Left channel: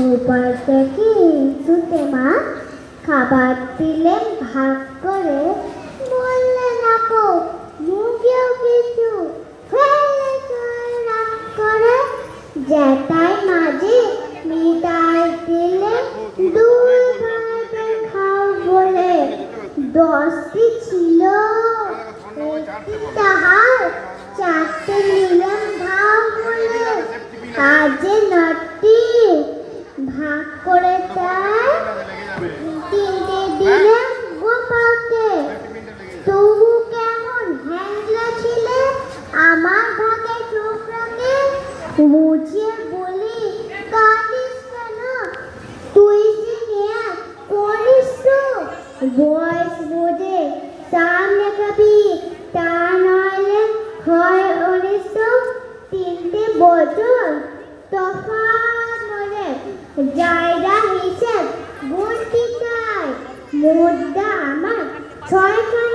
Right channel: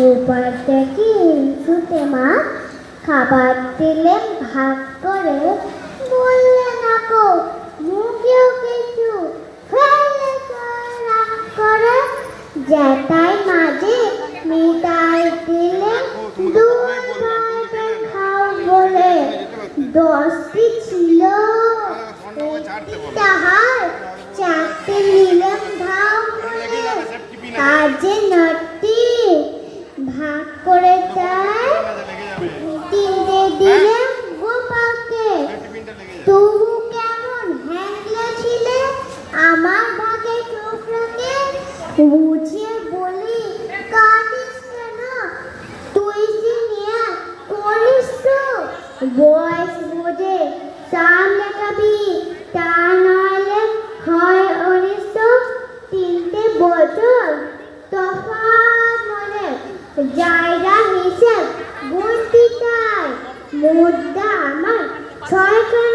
এরপর থেকে ছুটে মা খাবার দিলে ভাগ করে বললেন আপু মুখেও কিছু ফেলে রাগ করে জ্যাঠাই মাঝে নিতাই দিলে দুই ভাইকে খাও বলে 10টি ছিল তাহার 4টে নিলাম ভাগ করে কাজে 9টি ভাগ করে দেয় 3টে দিলাম গোপালকে তবু কেমন হ্যাংলা ছিলে আমার ভাগে টুকরাকে বুঝিয়ে বলি কাঁদিস কেন তুই যে নিয়ে করিস তো বয়স বোঝে সামনে খাবি তা নইলে হয় অনিষ্ট 3টে বছর তফাৎ হলে জায়গা হিসেব ভর্তি চাই মুদ্রা আমার 6